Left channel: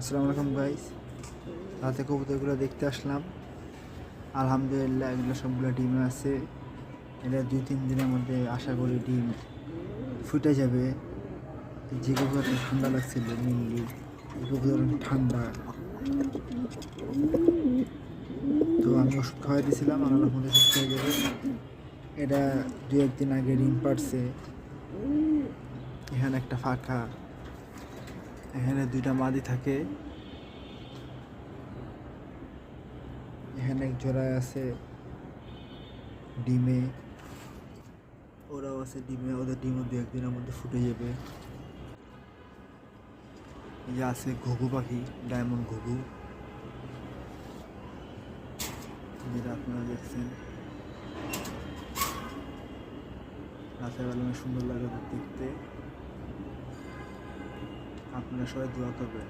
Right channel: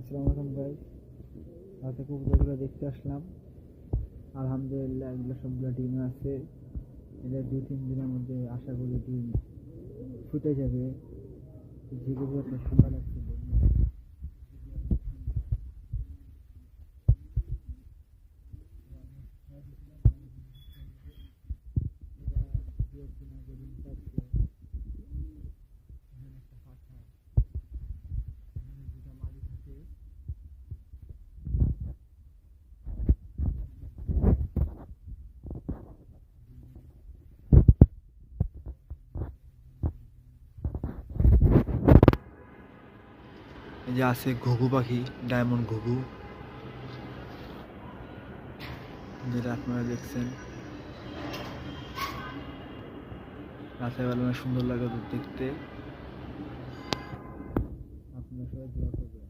আসসালামু আলাইকুম গাইস। রাতে কবুতরগুলো দেখতে আসলাম। আলহামদুলিল্লাহ এগুলো সবগুলো ডিমে আছে। এটা 2-3 দিনের মধ্যে আশা করি ডিম ফুটে যাবে। যে কবুতরটা ঠান্ডা লাগছিল মেনলি, এই কবুতর ঠান্ডা, তো আমি ওষুধ খাওয়াই দিয়েছিলাম, আল্লাহর মধ্যে সুস্থ হয়ে যাবে। এটা 2-1 দিন আগে ডিম পাড়ছে। এখানে একটা ফাঁকা, এখানে 2টা মাদি থাকে, এখানে এক জোড়া আছে ডিমে, ওরাও আছে ডিমে। ওদের ডিমও 2-1 দিনের মধ্যে ফুটে যাবে। এই যে আছে ঘুঘু পাখি, ডায়মন্ড ঘুঘু, যেটা আপনারা দেখছেন। রাতের বেলা অনেক সুন্দর লাগে ওদের দেখতে। আপনারা সবাই দোয়া করবেন।